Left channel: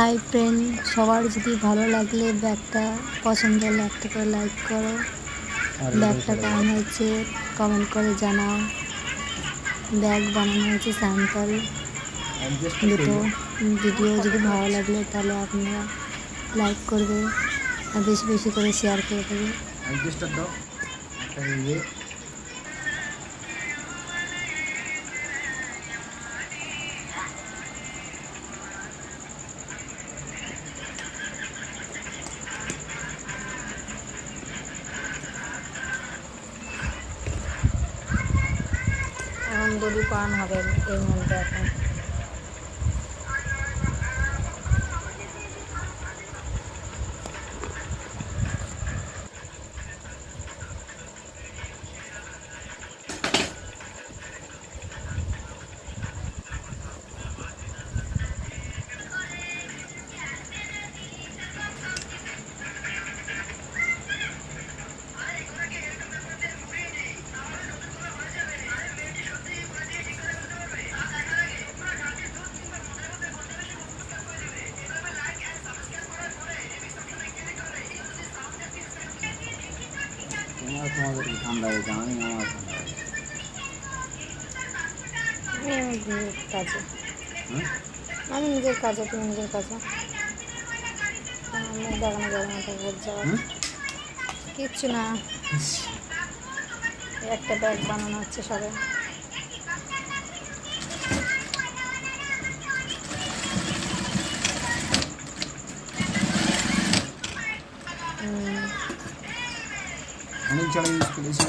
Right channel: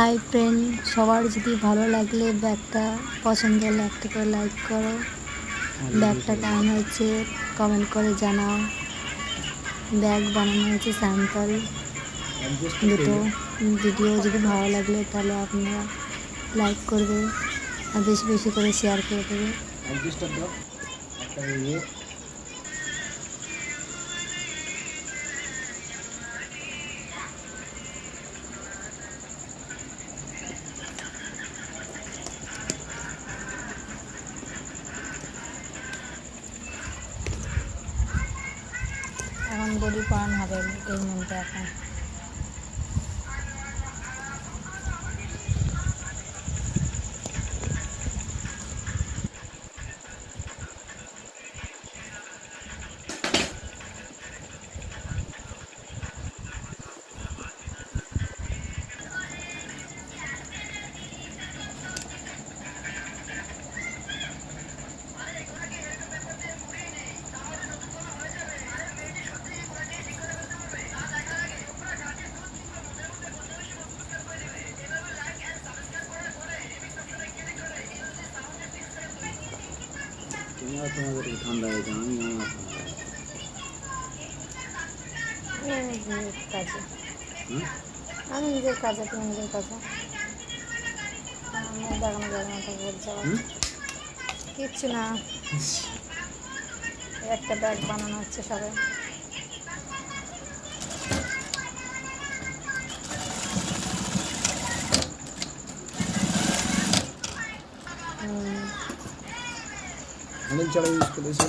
Hi friend, সবার যদি ভালো লাগলে ব্যাগটা পছন্দ হলে একটা করে লাইক করো। ব্যাগটা কেমন হয়েছে কমেন্ট করে জানাও। ব্যাগ বানানো হয়েছে স্যাম্পল দুটো। ভিডিও যদি ভালো লাগলে তাহলে আপনারা লাইক করবে আর বেশি বেশি করে শেয়ার করে দেবে। এখন দড়ি পরানো হবে এর মধ্যে। এখন আমি নিজের কাজে তুমি নিজের কাজে আমি দেখানো যাবে না, বলতে যাওয়ার কিচ্ছু না। একটা ব্যাগ বানানো হচ্ছে সবাই। অনেক জায়গায় ইউজ করেছি।